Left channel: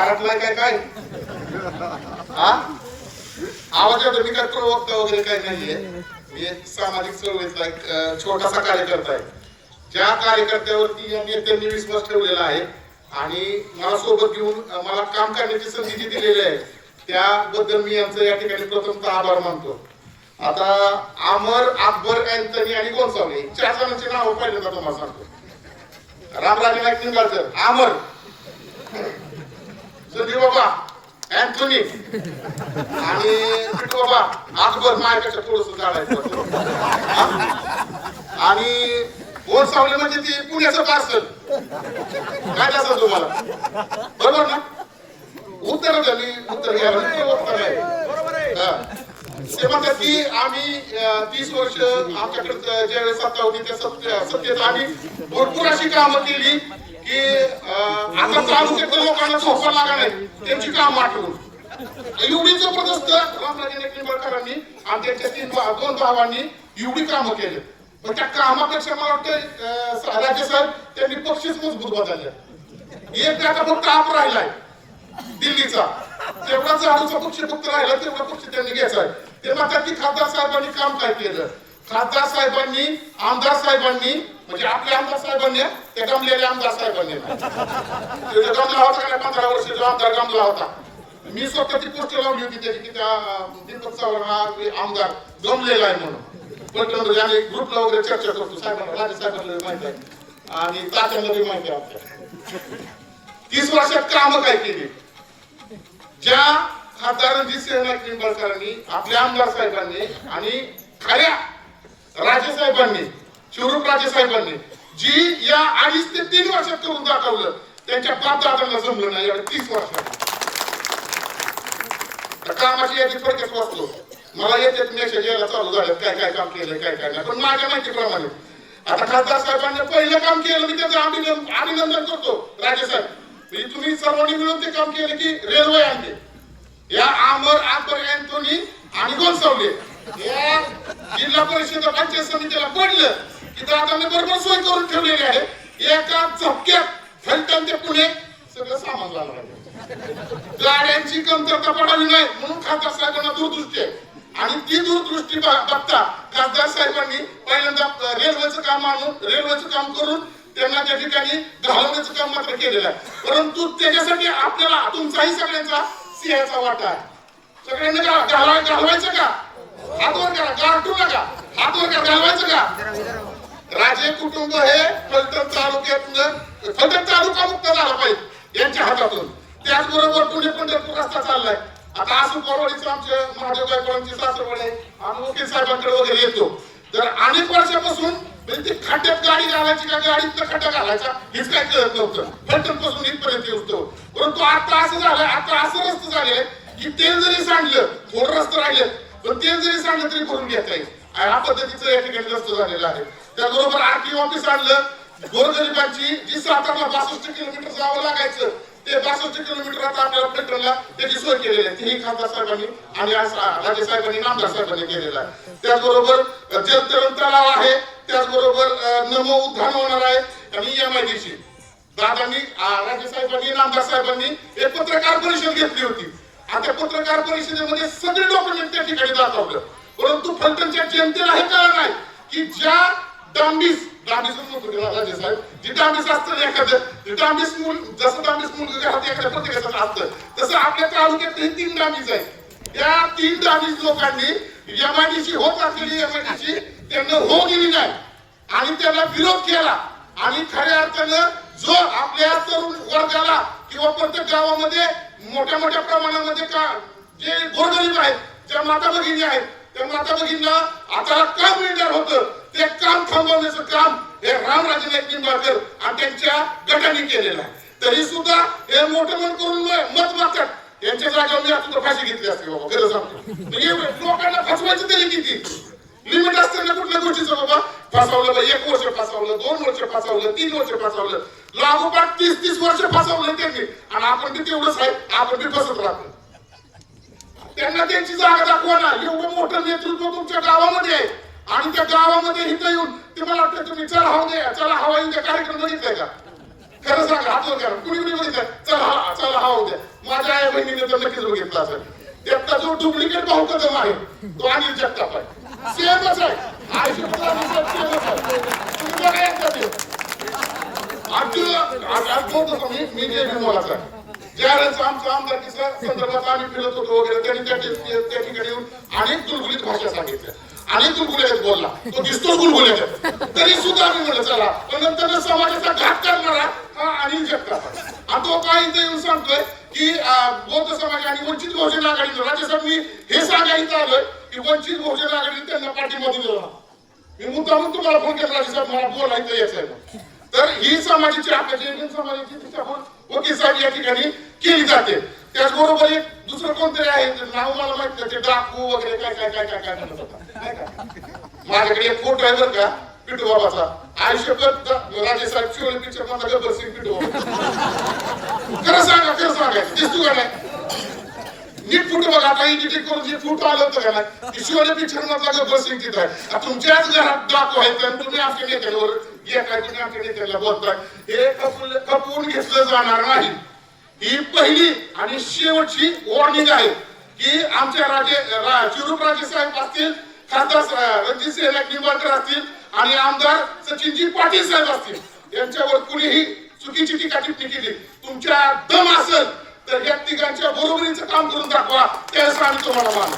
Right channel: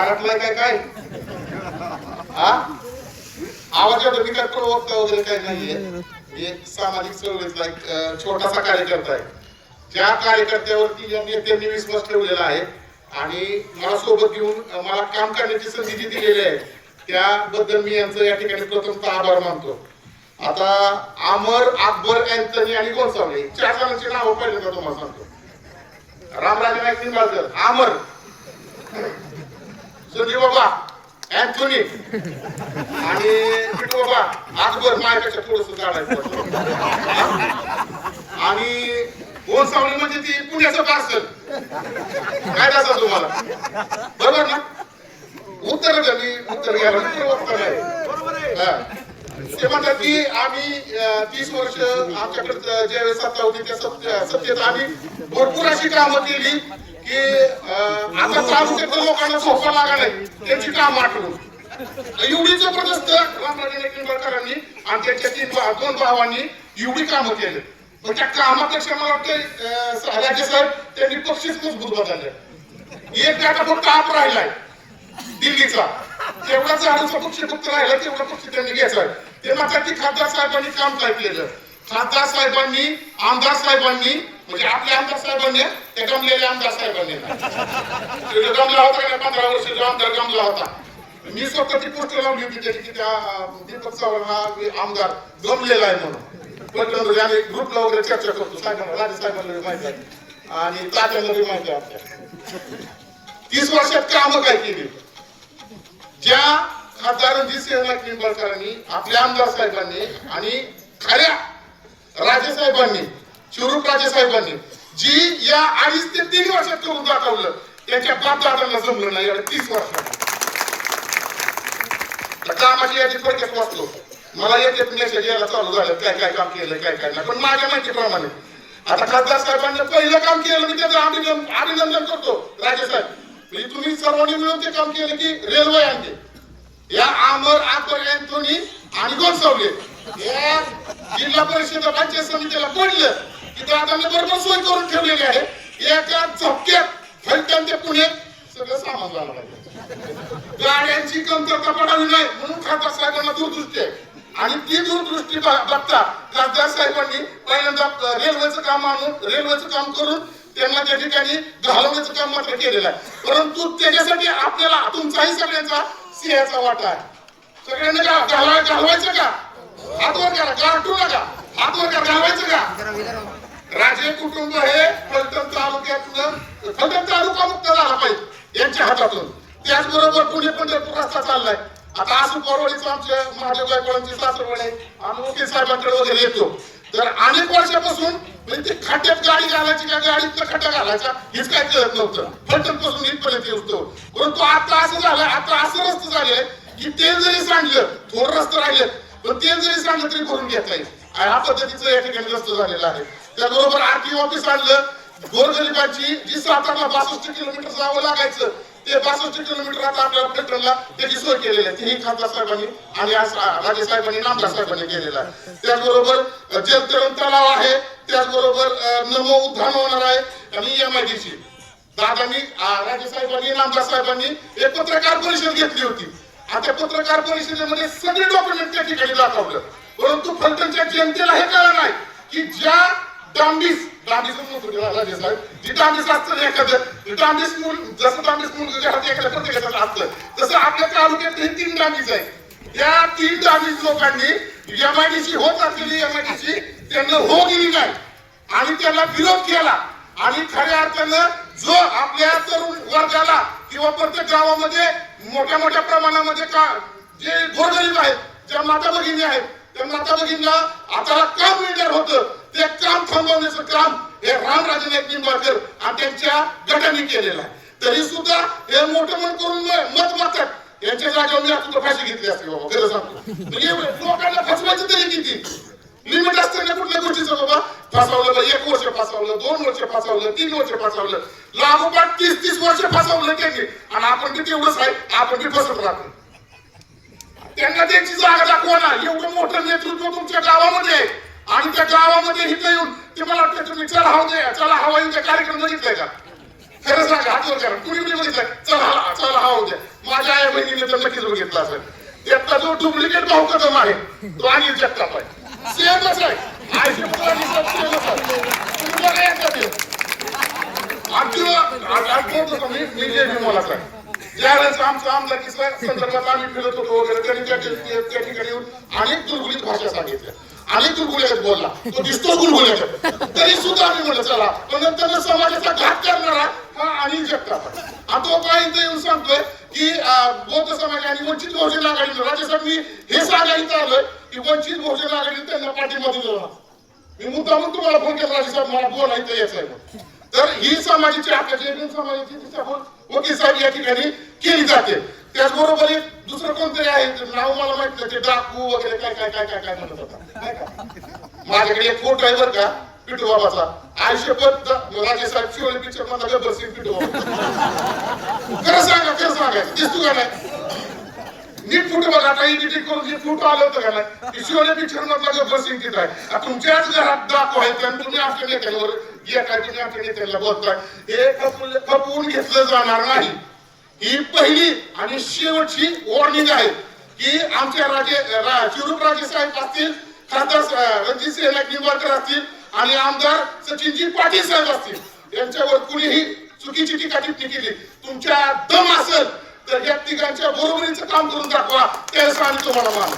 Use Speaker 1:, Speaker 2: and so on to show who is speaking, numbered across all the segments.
Speaker 1: बारातलाय काय काय? हा? आवाज येतो मी काय प्रवक्ता वगैरे काही नाहीये. मी एक सामाजिक चळवळीचा एक छोटासा कार्यकर्ता आहे. ज्या कार्यकर्त्यावरती या नेत्यांनी विश्वास ठेवलेला आहे आणि मला सोबत घेऊन मला काम करण्याची संधी जी दिलेली आहे त्याबद्दल मी यांचं या ठिकाणी प्रथमतः आभार मानतो. आता अमर अकबर अँथनी आणि गोसावले चार जणांची नावं पहिल्यांदा तुम्हाला सांगतो. रामराजे नाईक निंबाळकर अमर संदीप बाबा अँथोनी आणि पिंटू बाबा अकबर मायकाच्या थोडस जाणायचं आणि गोसावले म्हणजे ती पुण्याचं पार्सल. काय असं तुम्हाला? बरोबर ना? उत्तर झाली उत्तर घ्यायला उत्तर प्रवक्ता ते म्हणतात की आम्ही तीस वर्ष आमच्याकडे ज्यावेळेस सत्ता होती त्या सत्तेत आम्ही भरपूर अशी कामं केली. की आता त्रास देतो लोकांना सोपं लागणार नाही त्यांची कामं आठवून एवढी जबरदस्त रामराजे निंबाळकरांनी आणि त्यांच्या तीन दोन भावांनी एवढी कामं केली. पण त्या कामापेक्षा मला वाटतं राजे साहेब त्यांनी पक्षीच मजबूत बदलले. एक आता फक्त आप राहिलाय दिल्लीचा. जेवढा झाडूचा पक्ष फक्त राहिला तेवढा पक्ष त्यांनी घ्यायचा ते त्या खासदार साहेबांनी काम काय केलं? खासदार साहेबांनी आमदार साहेबांनी म्हणजे आपल्या आमदार साहेबांनी त्या गमलेल्या आमदार साहेबांनी एवढे गमला होता का पंधरा पंधरा वर्षाचा आमदार गमला होता. मी स्वतः ती पोस्ट लावली होती त्याची की त्या दीपक चव्हाण हा आमदार गमलेला आहे म्हणून. पटकन याने ग्रुपला वगैरे चर्चा करतो. साहेबांना राजे साहेबांना माहिती आहे. आणि तात्यांना बी माहिती आहे. तीस वर्षात कामं काय केली? ज्या खासदार रणजित सिंह निंबाळकरांनी आपल्या आमदार साहेबांनी आणि खऱ्या राजे साहेबांनी शिवरूप राजे साहेबांनी जी या अडीच ते तीन वर्षात करून दाखवलं त्यांच्या बाप दादांना जमलं नाही या तीस वर्षात. आता कामाची यादी थोडक्यात वाचलो मला येते मेसेज यायला चालू झालं काय काय काम केलं काय काय नाही. पण माझ्या माहितीप्रमाणे आता खासदार साहेबांनी पहिलं काम केलं मी त्याचं अभिनंदन अभिनंदन करतो. राजे साहेब म्हणजे तुम्ही सर्वांनी मिळून ते काम केलं की रेल्वे आणले. या आमर अकबर अँथोनी आणि गोलसावले जिल्हा परिषद पंचायत समितीला पडलं की दादांनी बरोबर सोय करून ठेवलेली आहे. एका झपक्यात फलटण ते पुणे सगळं सामान झालं आहे. गाड्यांची कमतरता पडावी नाही म्हणून खासदार साहेबांना दूरदृष्टी आहे. आणि ती दूरदृष्टी बघता खासदार साहेबांनी पहिल्यांदा रेल्वेचं काम आणून रेल्वेचं काम करून त्यांना त्या ठिकाणी घालवण्याचं काम मात्र केलेलं आहे. परंतु त्याच्यासाठी आपल्याला तुमचाही सगळ्यांचा सिंहाचा वाटा आहे. सगळ्यांना का घालवायचं का? करा. नका का? घालवायचं का राजे कुटुंब हे फलटण तालुक्यातलं फलटण तालुका मुक्त झाला पाहिजे यांच्या हातातून. त्याचबरोबर पुणे पंढरपूर रस्ता चाललाय. आता आसू परवडीचं आमचे महादेव गायकवाडांची सासरवाड आम्ही साहेबांकडे वगैरे येतो. तर अनेक वर्षापासून म्हणजे ते खड्ड्यात गाडी घालायची का गाडीतनं खड्डा घालायचा हेच काय कळत नव्हतं. फलटणपासून इथपर्यंत येतो परंतु आता असं झालं आता असं रस्ते झाले की तेल जरी सांडलं थोडं रस्ते राहिले पण ते जरी सांगत तरी करून घेता येईल आणि ह्या पद्धतीचं या ठिकाणी जास्त झालेलं आहे. त्याचबरोबर आरटीओ ऑफिस आणलं. गोरगरिबांची जी सातारला बासष्ट किलोमीटर जावं लागायचं ते बासष्ट किलोमीटर आता आपल्याला पेट्रोलला त्याची सोय केलेली आहे. तेही खासदार साहेबांनी आणि राजे साहेबांनी नामदार साहेबांनी केलेला आहे. त्याचबरोबर जलतरण तलाव आहे. त्याचबरोबर नमो उद्धान होणार आहे. आणि एम आय डी दादांनी राजे साहेबांनी नामदार साहेबांनी एक पत्रकार परिषद घेतली होती. आता पत्रकार परिषदेमध्ये सगळे डॉक्युमेंट त्या ठिकाणी दाखवलं. परंतु फलटणच्या जनतेला हे कळलं नाही की ज्या डांबीस डांबीस राजे साहेब जी डांबीस असतं एखादं ते डांबीस मूल जसं डांबीस मूल हाती एखाद्या प्रत्येकाचं असतं तसं आपल्या तालुक्यात हे तीन डांबीस आहे त्या तीन डांबीस लोकांनी एमआयडीसी होत असलेली एमआयडीसी त्यांना हो दिली नाही आणि त्याला विरोध केला. आणि खऱ्या अर्थानं जो आपल्या तरुण वर्गाला किंवा प्रत्येक गावामध्ये मोठ्या मोठ्या प्रमाणामध्ये का जे गोरगरीब आहेत ज्या माता भगिनी आहेत त्या माता भगिनीला आता काम मिळणार होतं. ते काम थांबवण्याचं काम हे रामराजे नाईक निंबाळकर आणि त्यांच्या गटाने केलेलं आहे. तरी सुद्धा हे मोठं मन करून मत मागतात. यांच्या जागेवर मी आता फाशी घेतली असते बाबा खरं सांगतो. म्हणजे लोकांना फसवायचं तरी किती? लिमिट असते ना कुठल्या गोष्टीचं बाबा फसवलं बा, एक वर्ष फसवलं दोन वर्ष फसवलं तीन वर्ष फसवलं लागोपाठ तीस तीस वर्ष फसवलं त्यांनी आणि आपण बी तेवढंच आहे आपण बी फसवत राहतो त्यांना त्यांची जागा दाखवा ना एवढं मोठं नेतृत्व तुमच्या गावामध्ये आहे आणि त्या गावामध्ये इथं येऊन ते मला वाटतं तुम्ही चला हवा द्या चला हवा येऊन कार्यक्रम बघितलाय का खरं सांगा हात करा कुणी कुणी बघितलं चला हा- चला हा उद्या माझ्या आई बहिणीने तर नक्कीच बघितला असेल त्यातला जो डुप्लिकेट भाऊ कदम आहे तो अनिल जगताप आहे सेमच आहे आयशी तुमच्याकडे एकच आहे आमची आठवत मी मी जे आहे ज्यावेळेस आमच्या आमदारकीच्या संदर्भात आम्ही फिरत होतो वगैरे त्यांनी त्या त्या ठिकाणी येऊन अनेक गुलगुलीत भाषा सांगितल्या अनेक गुलगुल्यात बोलला तो दिसतो गुलगुल्यात तरी सुद्धा आम्ही म्हणलं चला पण नंतर समाजाचा घात करणारा हा अनिल जगताप आणि तो काय येऊन सांगतोय की बौद्ध समाज आणि वंचित बहुजन आघाडी राज्यसभा मी हे सांगायला आलोय की वंचित बहुजन त्यांना पाठीमध्ये दिला मी मुद्दामून तुम्हाला फोन केला साहेब मला बोलायचं यायचं तर ही समाजाची आपल्या जैन समाजाची तिच्यावर वकील साहेब या ठिकाणी केली जाते त्याचबरोबर एक दुसरं कोणतरी आहे नाव मला माहीत नाही ते डाकू वगैरे काय काय काय काय काय म्हणत होता. माझ्याकडे एक फोटो आहे बरं का पिटू बाबाचा आयुष्यभर राजे साहेब शिवले पिक्चर मधला गब्बर सिंग पिटू बाबा खरं सांगा खरं सांगा दिसतो का नाही? बघा आता एडिटिंग करून जे फोटो आलं होतं का नाही? की शिवने पिक्चर मधला गब्बर सिंग तिथं आहे. आता तुमच्याच घरात दाखवायचं आणि तुम्ही आमच्या नेत्यावर या तुम्ही आमच्या नेत्याला बोलताय. हे खपून खपवून घेतलं जाणार नाही. ही पहिली आणि शेवटची वॉर्निंग आहे की आमच्या राजे रा- शिरूप राजे साहेब असतील खासदार स- रणजितसिंह निंबाळकर असतील आणि आमदार सचिनजी पाटील साहेब असतील. यांच्यावर कुणीही चुकीची टीका टिप्पणी केली. तुमच्या दम असेल तर या तिघांच्या बरोबरीचं काम करून दाखवा. त्यावेळेस आम्ही तुम्हाला मान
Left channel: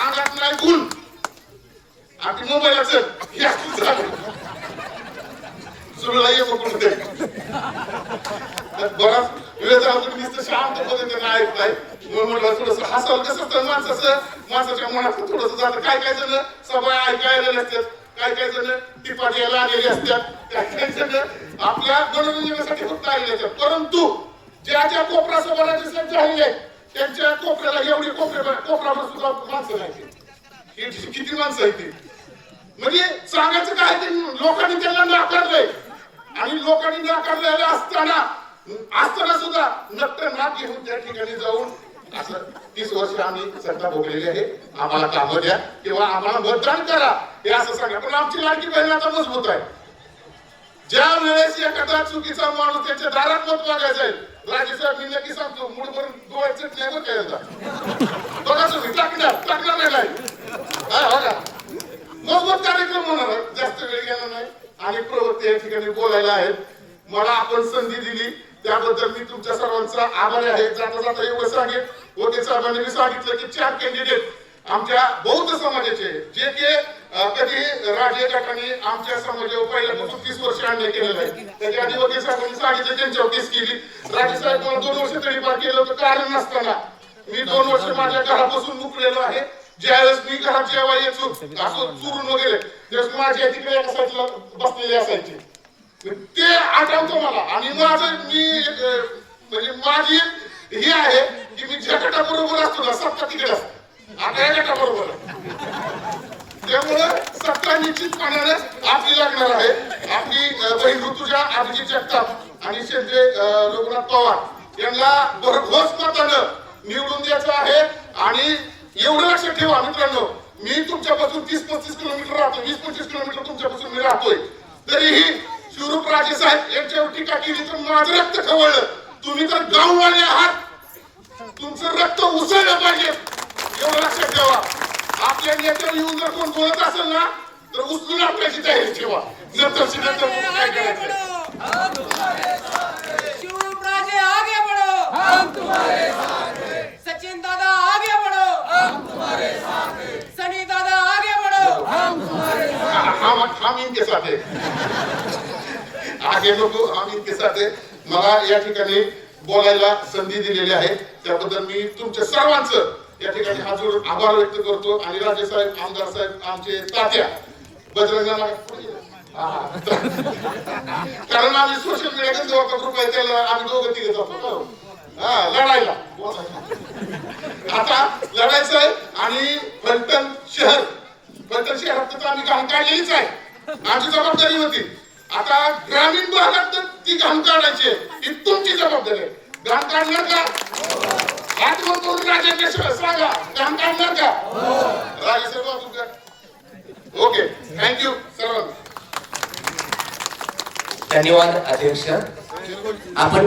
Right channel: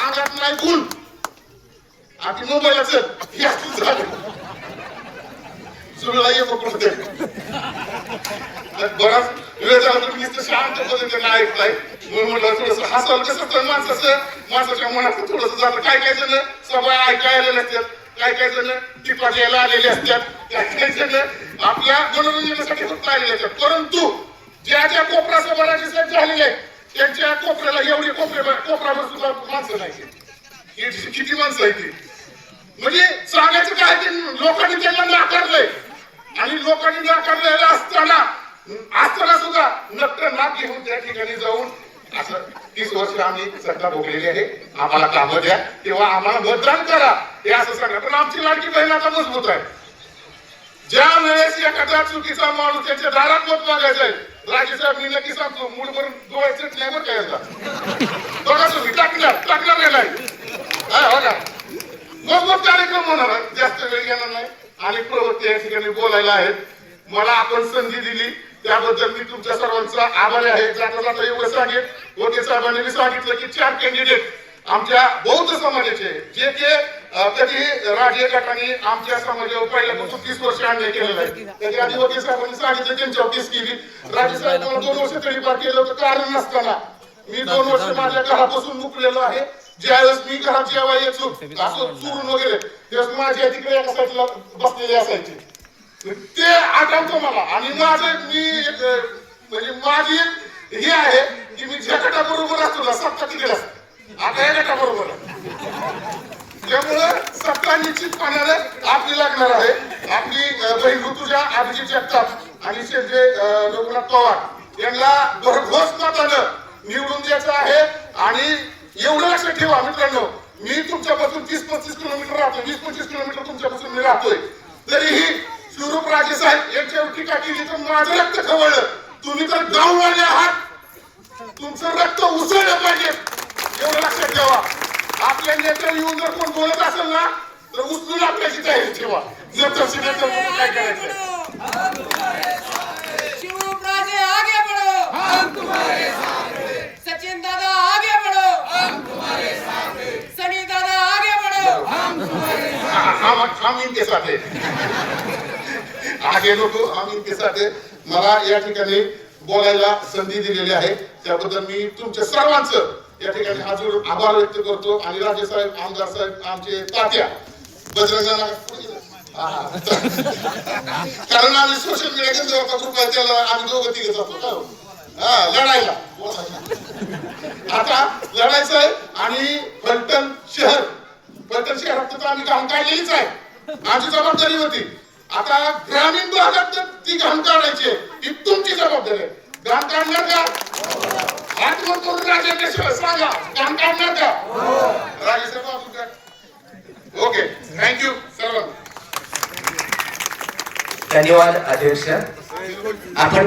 Speaker 1: अंगात नाही गुण. आपली मोबाईल असेल हे ये बराच वेळ झाला तुम्ही शांत पद्धतीने ऐकताय म्हणून म्हटलं थोडस हसाल कसं तर माणसाचं माणसाच्या मनात थोडस जातं काय काय जण सभा ऐकायला नसतात काय काय जण टिपा द्यायला आलेले असतात. काय काय जण आपल्या मनोरंजनासाठी फक्त आलेले असतात. परंतु ज्या ज्या कोपरा सभा राज्यसभेत झालेले आहे. त्यांच्या कोपऱ्याला एवढी कोपरे कोपऱ्यावर सुद्धा माणसं नाही किती माणसं आहे ती? म्हणजे सांगायचं काय ते लोकांनी त्यांना नाकारलंय. आणि लोकांनी नाकारलेलं असताना असताना सुद्धा नक्क नाक घेऊन त्या ठिकाणी जाऊन असं तीस वर्ष आम्ही सत्ता भोगलेली आहे. आम्हाला कामं द्या. किंवा आम्हाला मतदान करा. हे असं सांगा. पण आमची लाडकी बहीण आता मजबूत आहे. ज्या वेळेस एखादा चुकीचा माणूस त्याच्या दारात मत मागायचं आहे राजे साहेब मी नक्की सांगतो मूळ भरून डोळ्याचं नाही बरं काय बघा तुम्ही टाकणार टाकणार नाही हा, हो का? मग कार्यक्रम होणार जास्त वेळ घेणार नाही. आणि प्रवृत्ती या ठिकाणी बोलायला आहेत. मला आपण संधी दिली. त्याबद्दल मी तुमच्या सर्वांचा आभारी आहे. जाता जाता एवढं सांगेन. वकील साहेबांनी मी सांगितलं की चार कॅन्डिडेट आमच्या बौद्ध समाजाचे जे के कधी राजे गटाने आमच्या समाजावर पहिल्यापासून तीस वर्ष अन्याय केलेला आहे त्याच्या आधी वकील साहेबांनी सांगितलं त्यांच्यावर केस केली. राज्य साहेब दोन वर्ष तरी पार केलं होतं कारण नसताना. मी दोन वर्ष माझ्या घरापासून मुकलेलो आहे. ज्यावेळेस मी घरात जेव्हा येतो असं चुरून वगैरे त्यावेळेस माझी आई तिकडे एका साईडला बसलेली असायची. ते आठवतं मला. आणि माझं मी एक, म्हणजे माझी एक हे आहे की मी ज्या गटाबरोबर असतो ना सत्ता तिकडे असते. आता या गटाबरोबर. आहे त्यामुळं सत्ता निश्चितपणाने आपली लागणार आहे. आपली अं, बहीण ऋतुजा अभिजित जगताप आणि शेंद्रे रघुनाथ पवार. यांना भरघोस मतानं निवडून द्यायचं आहे आणि एवढं लक्षात ठेवा मित्रांनो. मी तुमच्यापासून तीस पस्तीस किलोमीटर राहतो वीस पंचवीस किलोमीटर तुमच्यापासून मी राहतोय. तरीही शिवरूप राजे साहेब यांच्यावर टीका केली तर माझं रक्त खवळलं. तुम्ही तर गाववाले आहात. तुमचं रक्त उसळलं पाहिजे. एवढं लक्षात ठेवा. आपल्या नेत्यावर येऊन जर कोण बोलत असेल ना तर उचलून आपल्याची तयारी ठेवा. नंतर नंतर बघू काय करायचं?
Speaker 2: शिवरूप राजे आगे बढ़ो. हम तुम्हारे साथ हैं सचिन दादा आगे बढ़ो. हम तुम्हारे साथ हैं सनी दादा आगे बढ़ो. हम
Speaker 1: हम हम इनके साथ. है आगे लोक हम इनके साथ. है मला या ठिकाणी बोलायला संधी दिलेली आहे. त्याबद्दल मी तुमच्या सर्वांचं या ठिकाणी हात आभार व्यक्त करतो. आणि राजे साहेब आमदार साहेब आमचे तात्या. बजरंगाला कारण आम्ही सोशल मीडियाच्या जेव्हा ग्रुप आहे त्याला आम्ही दोघं तिघे जातो. हो. हा. लढायला. आता लढायचं आहे आणि फलटण शहर. फलटण शहरात तर आम्ही घाम काढलेलीच आहे माझी जबाबदारी होती. आता ग्रामीण भागात तर ती घाम काढायची आहे. ही तुमची जबाबदारी आहे. घाम काढणार का हात वर करून राजेंद्र शिवाय सांगा घाण काढणार का राजे साहेब तुमच्या ओके थँक्यू सर्वांना
Speaker 3: त्यांनी धन्यवाद अध्यक्ष. आपण